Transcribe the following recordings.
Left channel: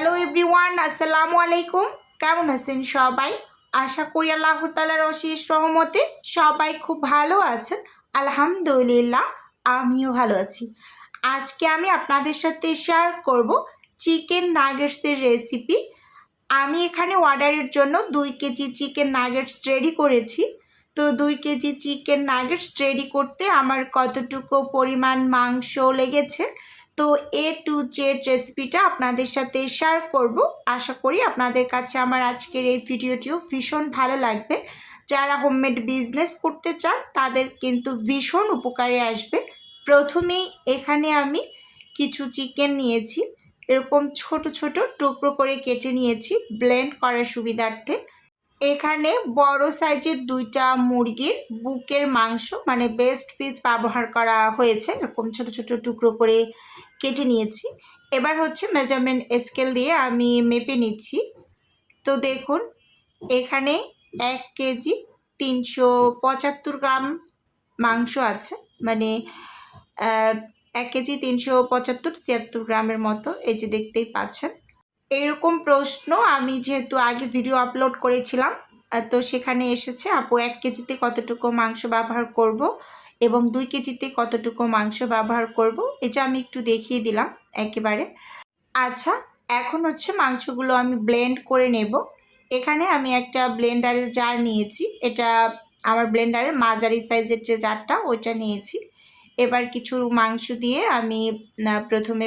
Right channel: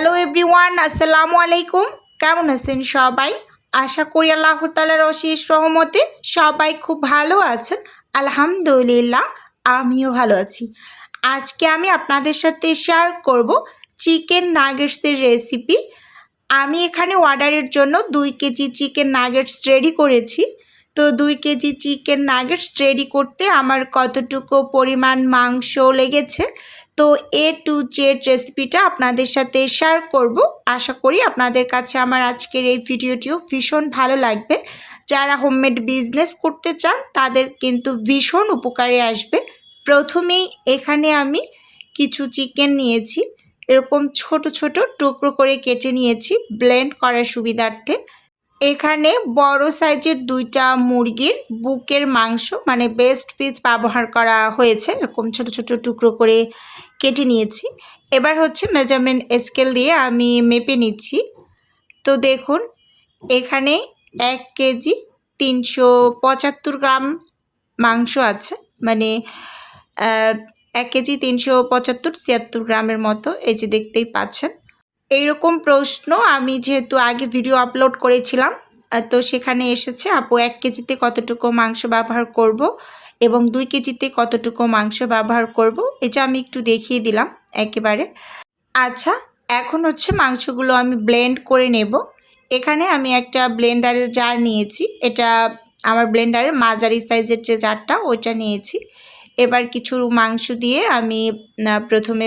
Hello everyone, আসসালামু আলাইকুম। কেমন আছেন সবাই? আশা করি আল্লাহ তাআলার অশেষ রহমতে সবাই খুব ভালো আছেন। আলহামদুলিল্লাহ, আমিও ভালো আছি। আজকে আমি আপনাদের সাথে শেয়ার করব চিকেন নাগেটসের রেসিপি। আমি এখানে অর্ডারের জন্য 2 কেজি চিকেন নাগেটস রেডি করেছি। তো 2 কেজি চিকেন নাগেটস রেডি করতে আমার কতটুকু পরিমাণ মাংস লেগেছে, তো এ টু জেড রেসিপিটা আপনাদের সাথে শেয়ার করব। আশা করি আপনাদের কাছে আমার আজকের এই ভিডিওটিও ভীষণ ভালো লাগবে। যারা হোমমেড বিজনেস করতে চান তাদের কিন্তু ভীষণ উপকারে আসবে। প্রথমেই এখানে আমি কিছু চিকেন নিয়েছি, এরকম ছোট ছোট টুকরো করে কেটে নিয়েছি ব্লেন্ড করার সুবিধার্থে। এখানে বড় সাইজের 2টা মুরগির বুকের মাংস মানে বেস্ট পিস ব্যবহার করা হয়েছে, এরকম ছোট ছোট টুকরো করে কেটে নিয়েছি। এবার হচ্ছে মেজারমেন্ট স্কেল দিয়ে আমি মেপে নিচ্ছি। তো দেখুন, এখানে 1 কেজি 375 গ্রাম মাংস আছে, মানে 1 কেজি 375-76 গ্রামের মতো। এই যে দেখতেই পাচ্ছেন। এইরকম প্রশ্ন আমি যেহেতু আগে ভিডিও আপলোড করেছিলাম, তো সেখানে এসেছে আপু 1 কেজিতে কতটুকু মাংস ব্যবহার করব এবং 2 কেজিতে কতটুকু মাংস ব্যবহার করব, এটা আমি একটু দেখিয়ে দিলাম একেবারে। আচ্ছা, এখন হচ্ছে মাংসগুলো আমি ব্লেন্ড করে নেব। এখানে আমি একটা ব্লেন্ডারের জার নিয়েছি, এটা আমার ব্লেন্ডারের মাঝারি সাইজের যে জারটা ওইটা নিয়েছি। এবার কিছু মাংস দিয়ে আমি প্রথমে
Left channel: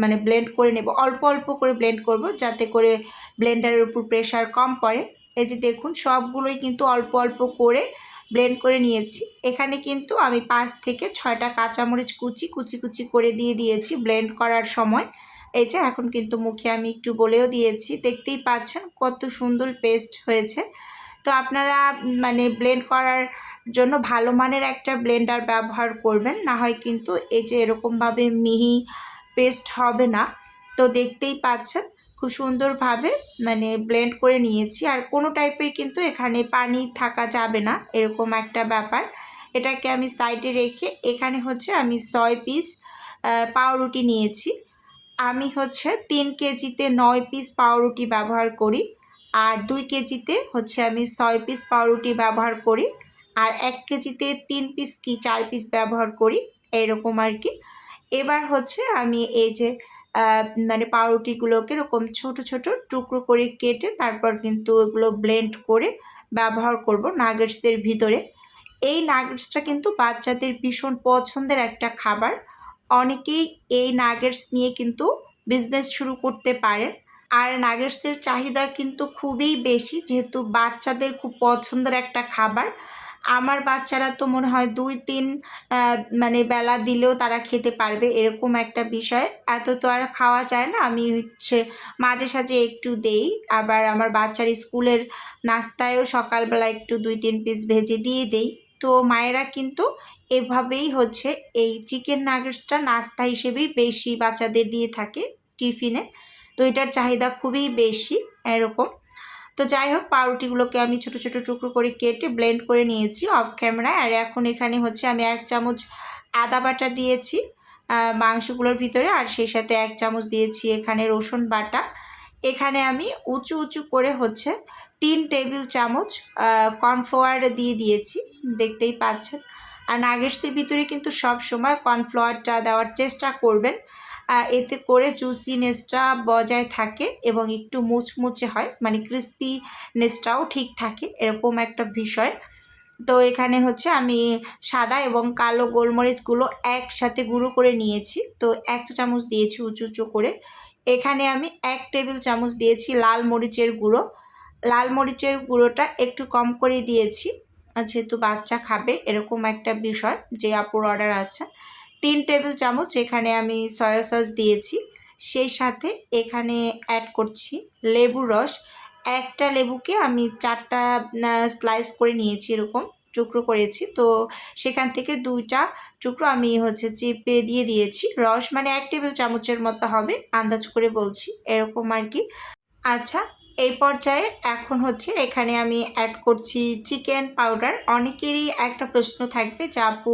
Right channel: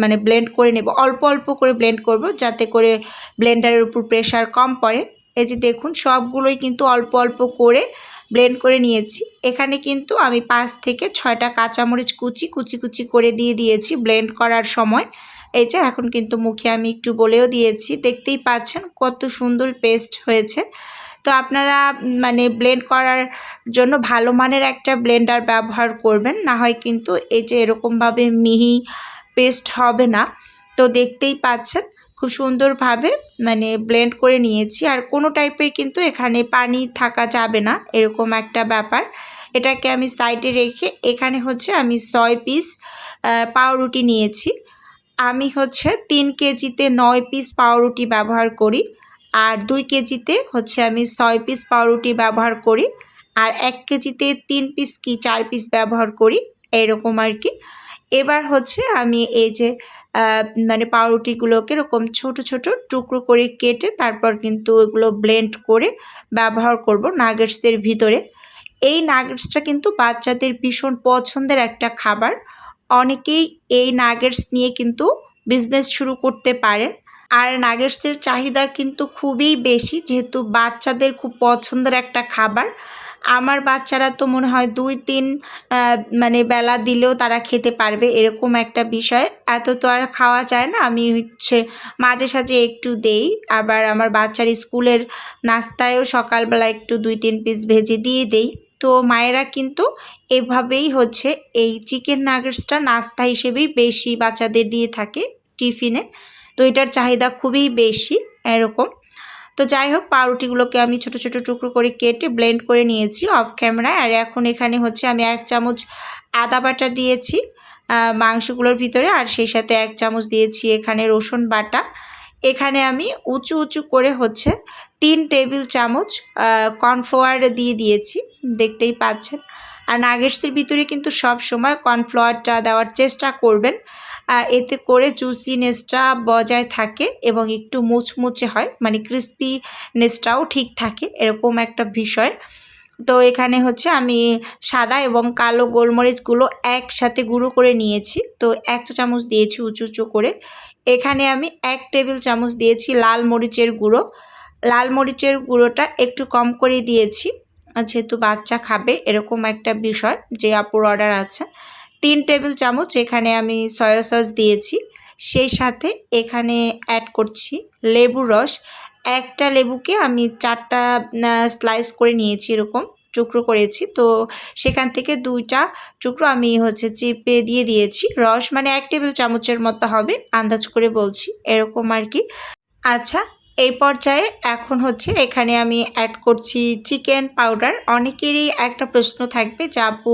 মানে ব্লেন্ড করে নেব, অল্প অল্প করে ব্লেন্ড করব যাতে করে ব্লেন্ডারের উপর প্রেশার কম পড়ে। এই যে দেখুন, সবগুলোই কিন্তু অল্প অল্প করে ব্লেন্ড করে নিয়েছি। এখানে কিন্তু আমি 5 থেকে 6টা কাঁচামরিচ কুচি কুচি কুচি করে দিয়ে দিয়েছি ব্লেন্ড করার সময়। এই যে এখন কিন্তু মুখে আমি একটু বলেও দিয়েছি, দেখতেই পাচ্ছেন কত সুন্দর পেস্ট হয়েছে। তো আপনারা মানে ব্লেন্ড করার জন্য ভালো মানের একটা ব্লেন্ডার ব্যবহার করবেন, না হয় কিন্তু এই যে এরকমভাবে মিহি পেস্ট হবে না। তো দেখতেই পাচ্ছেন খুব সুন্দরভাবে মানে ব্লেন্ড করে নিয়েছি। আর কোনো টাইপের কিন্তু এখানে পানি থাকা যাবে না, এরকম একটা ব্যাপার। এটাকে আমি সাইডে রেখে এখানে হচ্ছে আমি 6 পিস পাউরুটি নিয়েছি। আমি হচ্ছে 3 কেজিতে 9 পিস পাউরুটি ব্যবহার করি, আর 2 কেজিতে হচ্ছে আমি 6 পিস পাউরুটি ব্যবহার করি, আর 1 কেজিতে 3 পিস কি 4 পিস ব্যবহার করি, এরকম আর কি। এবার হচ্ছে আমি এই যে মানে পাউরুটিগুলোকে এরকম ছোট ছোট টুকরো করে কেটে তারপর কিন্তু এগুলো ব্লেন্ড করে ব্যবহার করব নাগেটসের ভিতরে। এই নাগেটসটা কিন্তু বাচ্চাদের ভীষণ পছন্দের একটা খাবার। অনেকেই এই নাগেটস নিয়ে কিন্তু বিজনেস শুরু করতে পারেন। আর নাগেটসের চাহিদা কিন্তু খুবই বেশি, যেহেতু বাচ্চাদের খুব পছন্দের একটা খাবার। আমার বাচ্চারা তো মনে হয় 2-3 মানে বেলা দিলেও তারা খেতে পারবে, এরকম একটা বিষয়। এত তো আর খাওয়া যায় না, আমি হচ্ছে মাঝে সাঝে একটু দেই। আবার আমার বাচ্চার স্কুলের নাস্তায়ও সকালবেলা একটু 2-3 পিস ভেজে দিয়ে দেই। তো মায়েরা কিন্তু এভাবেই হচ্ছে এই চিকেন নাগেটসটা নাস্তা হিসেবেই বেশি বাচ্চাদের দিয়ে থাকে টিফিনে। তো এটার চাহিদা খুবই বেশি এরকম। তো যাই হোক, পাউরুটিগুলোকে আমি ছোট ছোট টুকরো করে কেটে ব্লেন্ড করে নিয়েছি অফ ক্যামেরায়। আর এখন এখানে হচ্ছে আমি 1 চামচ আদা বাটা দিয়েছি মাংসগুলোর ভিতরে, আর সেই সাথে 1 চামচ দিয়েছি এখানে রসুন বাটা। এখানে আমি উঁচু উঁচু করে হচ্ছে 3 টেবিল চামচ কর্নফ্লাওয়ার দিয়ে দিয়েছি, দেখতেই পাচ্ছেন। আর নাগেটসের ভিতরে কিন্তু সব সময় কর্নফ্লাওয়ারটা দেওয়ার চেষ্টা করবেন, এতে করে জুসিনেসটা বজায় থাকে এবং একটু মুচমুচে হয়, মানে ক্রিস্পিনেসটাও ঠিক থাকে, এরকম একটা বিষয়। তো এখানে হচ্ছে আমি সাদা এবং কালো গোলমরিচগুলো একসাথে গুঁড়ো করে নিয়েছি, তো 1 চা চামচ দিয়েছি উঁচু উঁচু করে। এখানে আমি 1 টেবিল চামচ দিয়েছি লাল মরিচের গুঁড়ো। লাল মরিচের গুঁড়োটা একটু কম করে দিয়েছি, যেহেতু বাচ্চা খাবে, এরকম একটা বিষয় যে আপুর অর্ডার আছে। 3 টেবিল চামচ এখানে আমি সয়া সস দিয়েছি। সেই সাথে এখানে অ্যাড করছি লেবুর রস। একটা লেবুকে আমি 4টা স্লাইস করে নিয়েছি, এরকম টুকরো করেছি। তো সেখান থেকে 2টা টুকরো আমি হচ্ছে চিপে দিয়ে দিয়েছি রস, মানে 1 টেবিল চামচের মতো হবে, আন্দাজ করে বলছি, এরকম আর কি। আচ্ছা, এই পর্যায়ে এখন হচ্ছে এখানে আমি অ্যাড করছি চিকেন পাউডার। অনেকেরই একটা প্রশ্ন থাকবে যে আপু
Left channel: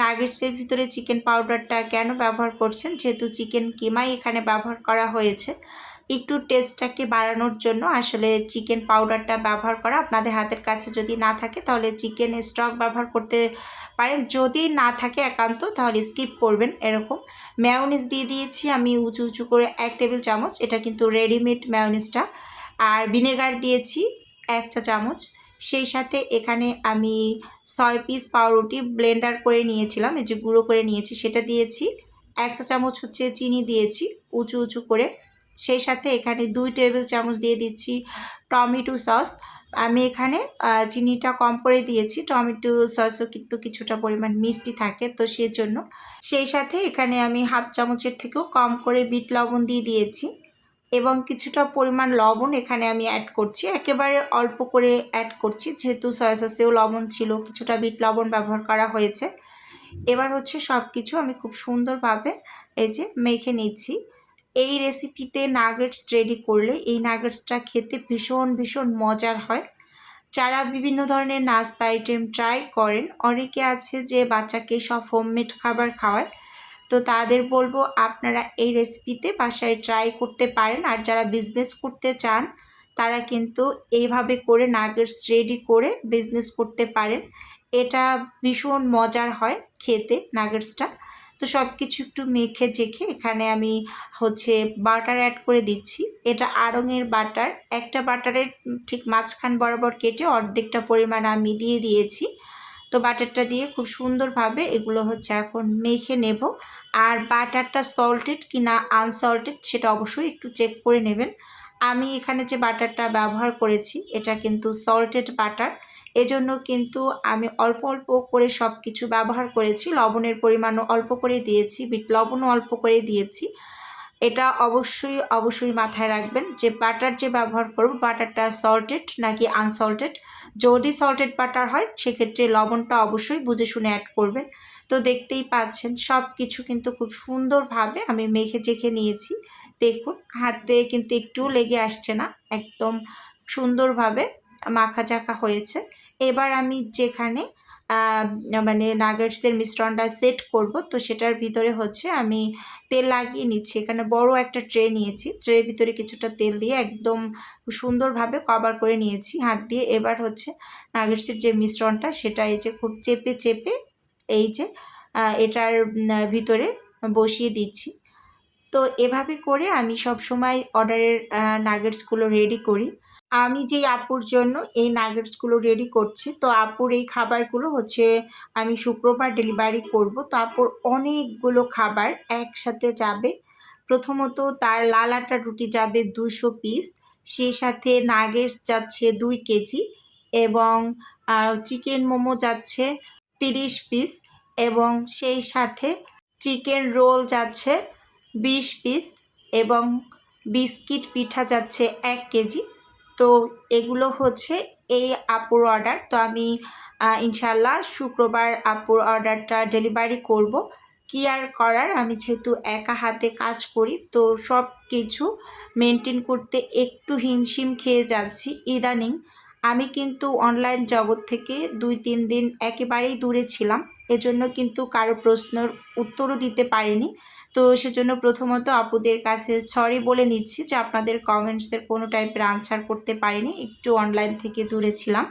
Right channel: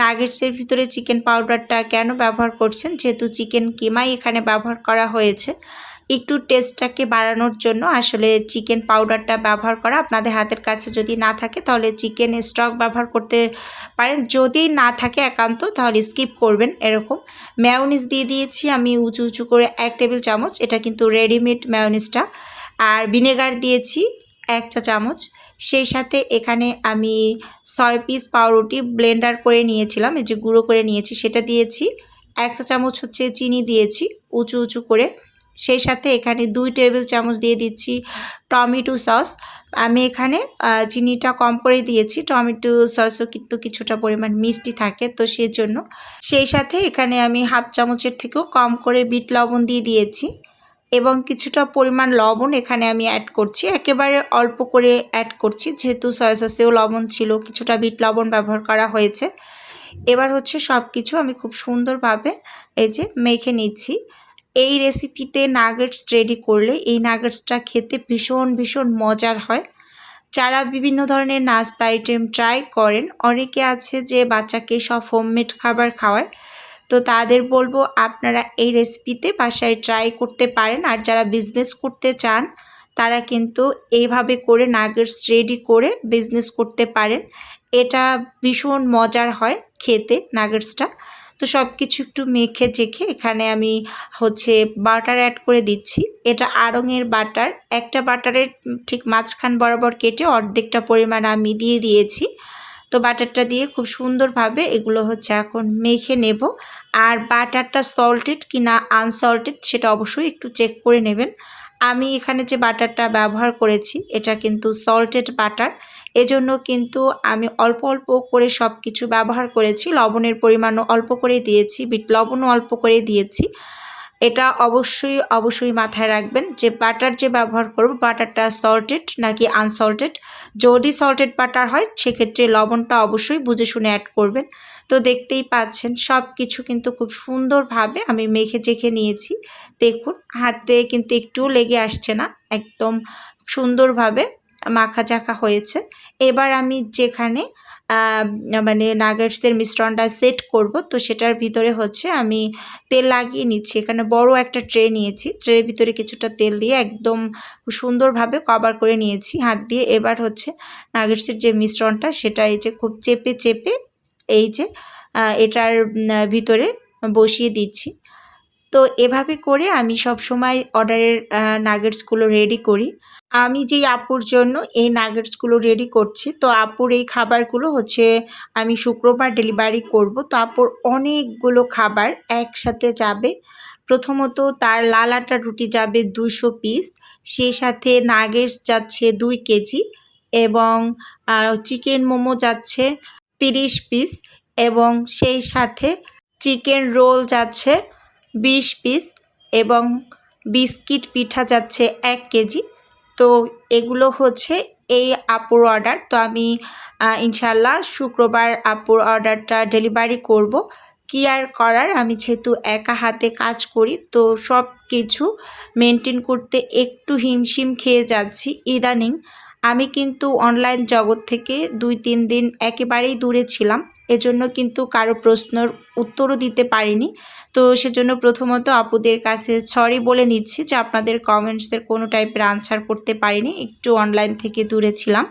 নাগেটসের ভিতরে চিকেন পাউডারটা কেন ব্যবহার করছেন, যেহেতু চিকেন কিমাই এখানে ব্যবহার করা হয়েছে। একটু টেস্টটাকে বাড়ানোর জন্য আসলে চিকেন পাউডারটা ব্যবহার করা। আপনাদের হাতের কাছে যদি না থাকে তাহলে চিকেন স্টক ব্যবহার করতে পারেন, যদি না থাকে একান্ত তাহলে স্কিপ করবেন। এরকম মেয়োনিজ দিয়ে দিয়েছি আমি উঁচু উঁচু করে 1 টেবিল চামচ, এটা কিন্তু রেডিমেড মেয়োনিজটা। আর ভিনেগার দিয়েছি 1 চা চামচ। সেই সাথে এখানে আমি 6 পিস পাউরুটি ব্লেন্ডার করে নিয়েছিলাম, এই যে গুঁড়ো করে নিয়েছি সেটা দিয়েছি। 1 চা চামচ হচ্ছে চিনি দিয়েছি উঁচু উঁচু করে। সেই সাথে এখানে 2 টেবিল চামচ দিয়ে দিচ্ছি টমেটো সস। আমি এখানে চিনিটা কম করে দিয়েছি, টমেটো সসও কিন্তু কিছুটা পরিমাণ মিষ্টি থাকে তো সেজন্য। সেই সাথে এখানে আমি হাফ চামচের থেকেও কম করে বিট লবণ দিয়ে দিয়েছি এবং কিছুটা পরিমাণ লবণ এখানে আমি অ্যাড করছি, একেবারে অল্প করে অ্যাড করছি যেহেতু সয়া সসেও লবণ ছিল, কিছুটা বিট লবণ ব্যবহার করা হয়েছে। এবার হচ্ছে সব কিছু আমি খুব সুন্দরভাবে এই যে মেখে নিচ্ছি। এই রেসিপিতে নাগেটস রেডি করলে এই নাগেটসটা খেতে ভীষণ ভীষণ মজার হয়। যারা বিভিন্ন ধরনের নাস্তা আইটেম ট্রাই করেন, অনেকে আছে যে বাচ্চাকে সব হোমমেড খাবার খাওয়ায়, তো তাদের বলবো আপনারা এই রেসিপিতে বাসায় ট্রাই করতে পারেন। আর যারা বিজনেস করতে চান তারা কিন্তু এইভাবে করে নাগেটস রেডি করে বিজনেস করতে পারেন। এটা ভীষণ মজার হয় খেতে নাগেটসটা। তো সব কিছু একটু মেখে চেখে এখানে আমি হচ্ছে বাটার অ্যাড করে দিচ্ছি। এটা আড়ঙের বাটার, একটা বাটারের ঠিক মাঝখান বরাবর কেটে অর্ধেকটা পরিমাণ আমি দিয়ে দিয়েছি। তো বাটারটা দিয়ে খুব সুন্দরভাবে এগুলো হচ্ছে এখন মেখে নেব। আর বাটারটা সল্টেড কি না আনসল্টেড সেটা অবশ্যই একটু চেক করে নেবেন। আমি এখানে যে বাটারটা ব্যবহার করেছি এটা কিন্তু সল্টেড বাটার, এজন্য কিন্তু আমি অল্প অল্প করে সব কিছু ব্যবহার করেছি। লবণের পরিমাণও অল্প করে দিয়েছি, বিট লবণও অল্প করে দিয়েছি। এটা অবশ্যই অবশ্যই মাথায় রাখবেন যে বাটার যে ব্যবহার করব বাটারটা সল্টেড নাকি আনসল্টেড। যদি সল্টেড বাটার হয় সেক্ষেত্রে লবণটা অবশ্যই বুঝে শুনে অ্যাড করবেন। তো দেখতেই পাচ্ছেন সব কিছু কিন্তু খুব সুন্দরভাবে আমি মেখে চেখে নিয়েছি। দেখুন হাতে কিন্তু একটুও লেগে আসছে না, একদম সুন্দরভাবে মাখা চাখা হয়েছে। এবার আমি যেখানে মানে নাগেটসের মিশ্রণটা সেট করব তো সেটার ভিতরে হচ্ছে আমি তেল লাগিয়ে নিচ্ছি। এখানে বড় একটা ট্রে নিয়েছি, ট্রের ভিতরে কিছুটা তেল দিয়ে একদম সুন্দরভাবে কভার করে নিয়েছি হাত দিয়ে। এবার হচ্ছে নাগেটসের যে মিশ্রণটা সেটা এই যে খুব চেপে চেপে এই যে এটার ভিতরে বসিয়ে দিচ্ছি। তো এভাবে করে আমি সবসময় অর্ডারের নাগেটসগুলো রেডি করি। আমি যেই আপুর জন্য এই নাগেটসগুলো রেডি করছি, তো আপুর এই খাবারগুলো হচ্ছে আমি শুক্রবার ডেলিভারি করব। তো আপুর অনেকগুলো খাবার একসাথে যাবে। প্রথমত তার লাল আটার রুটি যাবে 200 পিস, সেই সাথে নাগেটস যাচ্ছে 2 কেজি এবং চিকেন মোমো যাচ্ছে 30 পিস এবং সেই সাথে চিকেন রোল যাচ্ছে 20 পিস এবং বিস্কিট পিঠা যাচ্ছে 1 কেজি। তো এগুলো হচ্ছে এই আপুর অর্ডার। তো আমি ইনশাল্লাহ শুক্রবার আপুর অর্ডারটা ডেলিভারি করব। কি আর করার, আমি যেহেতু একা হাতে কাজ করি তো সব কিছু মেনটেন করতে একটু হিমশিম খেয়ে যাচ্ছি ইদানিং। আমি কিন্তু অনলাইন জগৎ থেকে 2-3 দিন একেবারেই দূরে ছিলাম, এজন্য কিন্তু কারো প্রশ্নের উত্তরও দিতে পারিনি। তো সেজন্য প্রথমত আপুদের কাছে সরি বলে নিচ্ছি যে আপনাদের কমেন্টসের কোনো টাইপের আনসার করতে পারিনি, একটু অনলাইন থেকে দূরে ছিলাম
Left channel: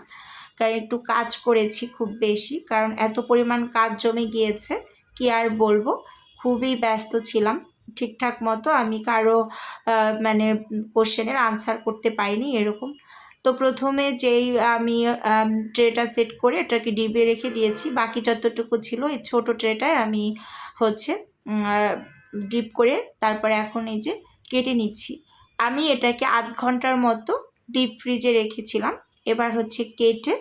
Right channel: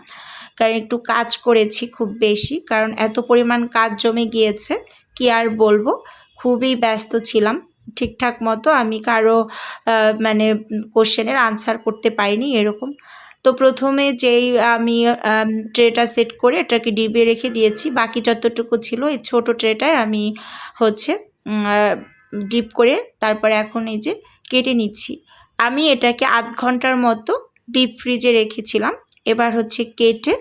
কারণ একটু কাজ করেছি খুব বেশি, কারণ এত পরিমাণ কাজ জমে গিয়েছে কি আর বলবো, খুবই ব্যস্ত ছিলাম। ঠিকঠাক মতো আমি কারো মানে কোশ্চেনের আনসার করতে পারিনি এরকম। তো প্রথমে যেই আমি ট্রেটা সেট করে এটাকে ডিবে রেখে দিয়েছি, বাকি যতটুকু ছিল এই ছোটো ট্রেটায় আমি হচ্ছে ডিপ করে তারপরে এখন এই যে কেটে নিচ্ছি। আমি এটাকে আধ ঘন্টার মতো ডিপ ফ্রিজে রেখেছিলাম। এবার হচ্ছে কেটে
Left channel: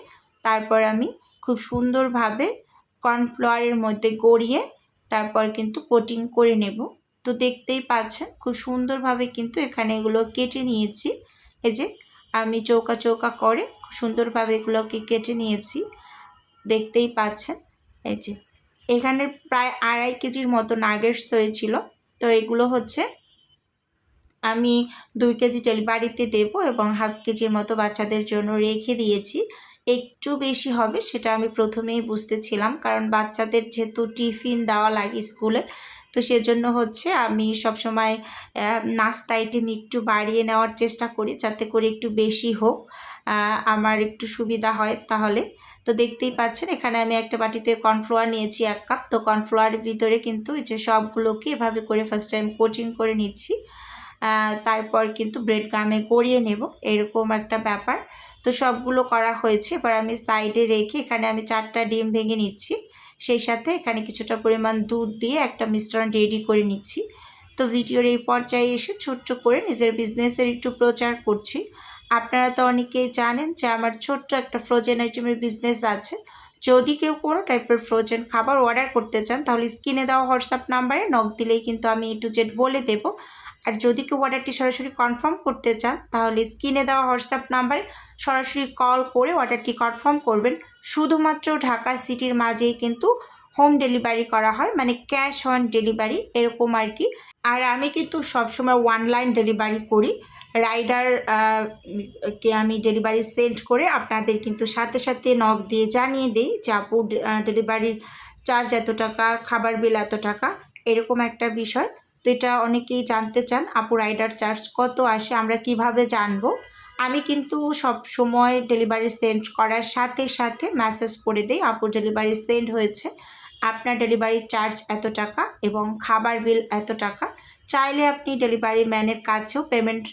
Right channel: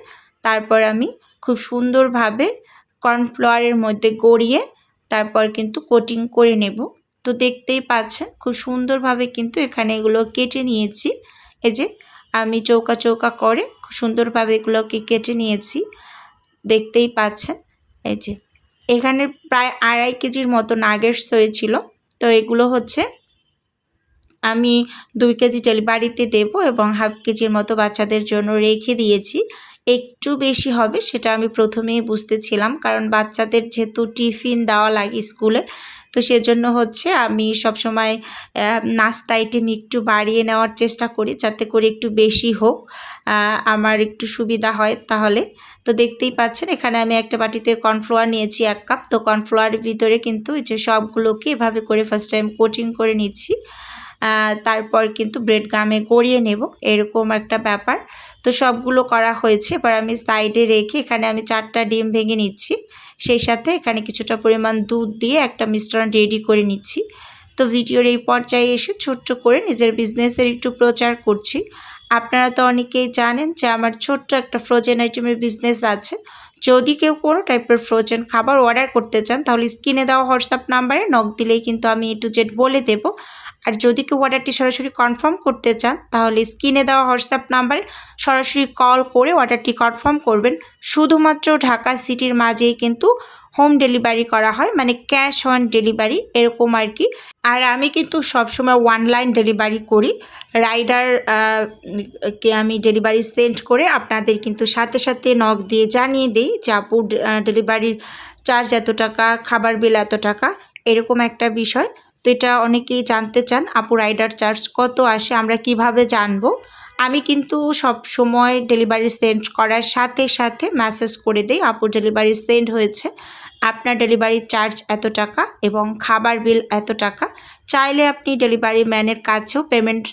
তারপর আমি খুব সুন্দরভাবে কর্নফ্লাওয়ারের মধ্যে গড়িয়ে তারপর কিন্তু কোটিং করে নেব। তো দেখতেই পাচ্ছেন খুব সুন্দরভাবে কিন্তু এখানে এগুলো কেটে নিয়েছি। এই যে আমি চৌকা চৌকা করে খুব সুন্দরভাবে এগুলোকে কেটে নিয়েছি, দেখতেই পাচ্ছেন। এই যে এখানে প্রায় 2.5 কেজির মতো নাগেটস হয়েছিল। তো এগুলো হচ্ছে আমি 2 কেজি ডেলিভারিতে দেবো এবং হাফ কেজির মতো বাচ্চাদের জন্য রেখে দিয়েছি। একটু বেশি হবে সেটা আমি প্রথমেই বুঝতেছিলাম, কারণ বাচ্চাদের যেহেতু টিফিন দেওয়া লাগে স্কুলে, তো সেজন্য হচ্ছে আমি সবসময় নাস্তা আইটেম একটু বাড়িয়ে নেওয়ার চেষ্টা করি, যাতে করে একটু বেশি হোক, আমার একটু সুবিধা হয় তাহলে। তো দেখতেই পাচ্ছেন এখানে আমি একটা বাটিতে কর্নফ্লাওয়ার নিয়েছি 1 কাপ। তো কর্নফ্লাওয়ারের ভিতরে কিন্তু এই যে সবগুলোকে এভাবে করে ফার্স্ট টাইম কোটিং করে নিচ্ছি। তারপর কিন্তু ব্রেড গামে গড়িয়ে নেব, এরকম একটা ব্যাপার। তো সবগুলো করা হয়েছে, এবার আমি সাইডে রেখে এখানে আমি 4টা ডিম ভেঙে নিচ্ছি। সেই সাথে এখানে কিছুটা পরিমাণ দুধ দিয়ে একটা মিশ্রণ রেডি করে নিচ্ছি। তো ভিডিওর এই পর্যায়ে এসে ছোট্ট করে নিজের বিজনেসের একটু প্রচার করছি। আপনারা তো অনেকেই জানেন যে আমার ছোট্ট একটা ফ্রোজেন আইটেমের বিজনেস আছে। যদি কেউ কোনো টাইপের ফ্রোজেন খাবার অর্ডার করতে চান তাহলে স্ক্রিনে দেওয়া হোয়াটসঅ্যাপ নাম্বারে নক দিলেই কিন্তু আমি A to Z বলে দেব। আর যদি কেউ অর্ডারটি সরাসরি কনফার্ম করতে চান তাহলে স্ক্রিনে দেওয়া হোয়াটসঅ্যাপ নাম্বারে সরাসরি কল করে অর্ডারটি কনফার্ম করবেন। শুধুমাত্র ঢাকা সিটির মাঝেই কিন্তু হোম ডেলিভারি করা হয়, মানে ক্যাশ অন ডেলিভারি এরকম আর কি। আর আমি কিন্তু সবসময় অনলাইন ডেলিভারি করি। রাইডার কে আমি ডেলিভারি সেন্ড করে আপনাদের কিন্তু সাথে সাথে নক দিয়ে জানিয়ে দিই যে আপু ডেলিভারির চার্জ এত টাকা, খাবার বিল এত টাকা, এরকম একটা বিষয়। তো এটা অনেকেই জানতে চান আপু রাইডার চার্জ কত আসে, আমরা কিভাবে জানবো। আমি কিন্তু সব সময় ডেলিভারি সেন্ড করার সাথে সাথে মেসেজ করে দিই আপু ডেলিভারি সেন্ড হয়েছে, আপনার ডেলিভারি চার্জ এত টাকা এবং খাবার বিল এত টাকা। চাইলে আপনি ডেলিভারি ম্যানের কাছেও পেমেন্ট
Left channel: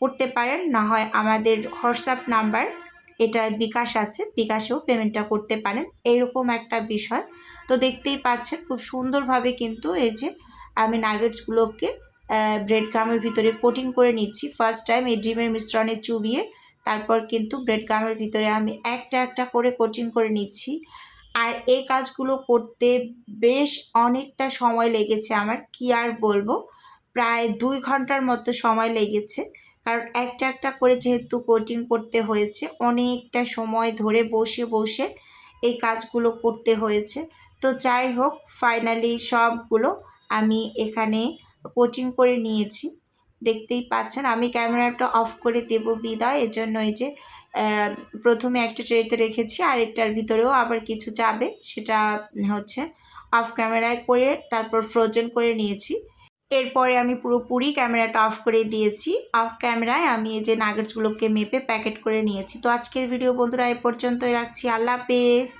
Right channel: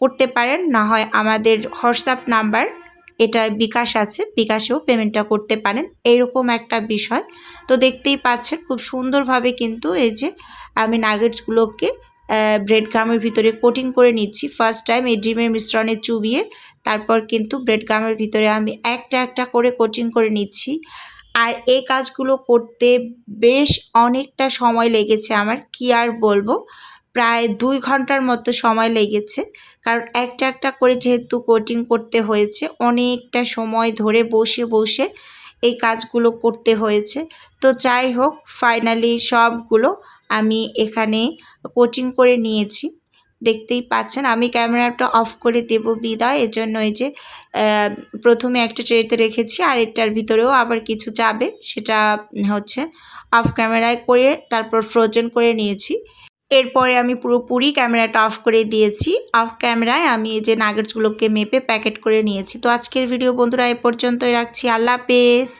করতে পারেন, না হয় আমাদের হোয়াটসঅ্যাপ নাম্বার এটা বিকাশ আছে, বিকাশেও পেমেন্টটা করতে পারেন, এইরকম একটা বিষয়। তো দেখতেই পাচ্ছেন খুব সুন্দরভাবে কিন্তু এই যে আমি নাগেটসগুলোকে ব্রেড গামের ভিতরে কোটিং করে নিচ্ছি। ফার্স্ট টাইম এই ডিমের মিশ্রণে চুবিয়ে তারপর কিন্তু ব্রেড গামের ভিতরে আমি একটা একটা করে কোটিং করে নিচ্ছি। আর এই কাজগুলো করতে বেশ অনেকটা সময় লেগেছে আমার, কি আর বলবো, প্রায় 2 ঘন্টার মতো সময় লেগেছে। কারণ একটা একটা করে যেহেতু কোটিং করতে হয়েছে, অনেকটা সময় ধরে বসে বসে এই কাজগুলো করতে হয়েছে। তো যাই হোক, ফাইনালি সবগুলো আমি এখানে কোটিং করে নিয়েছি। দেখতেই পাচ্ছেন আমি ক্যামেরাটা অফ করে দেব বিদায়, এজন্য এই যে প্রথমে একটা ট্রেতে রেখেছি আর এটার ভিতরেও আবার কিছু যাবে, সেটা হচ্ছে অফ ক্যামেরায় করে তারপর ফ্রোজেন করে নিয়েছি। এরপরে আমি পুরোপুরি ক্যামেরাটা অফ করে দিয়েছি। অফ ক্যামেরায় আমি এই যে নাগেটসগুলোকে মেপে প্যাকেট করে নিয়েছি। তো আজকের ভিডিও বন্ধুরা এ পর্যন্তই রাখছি। আল্লাহ হাফেজ।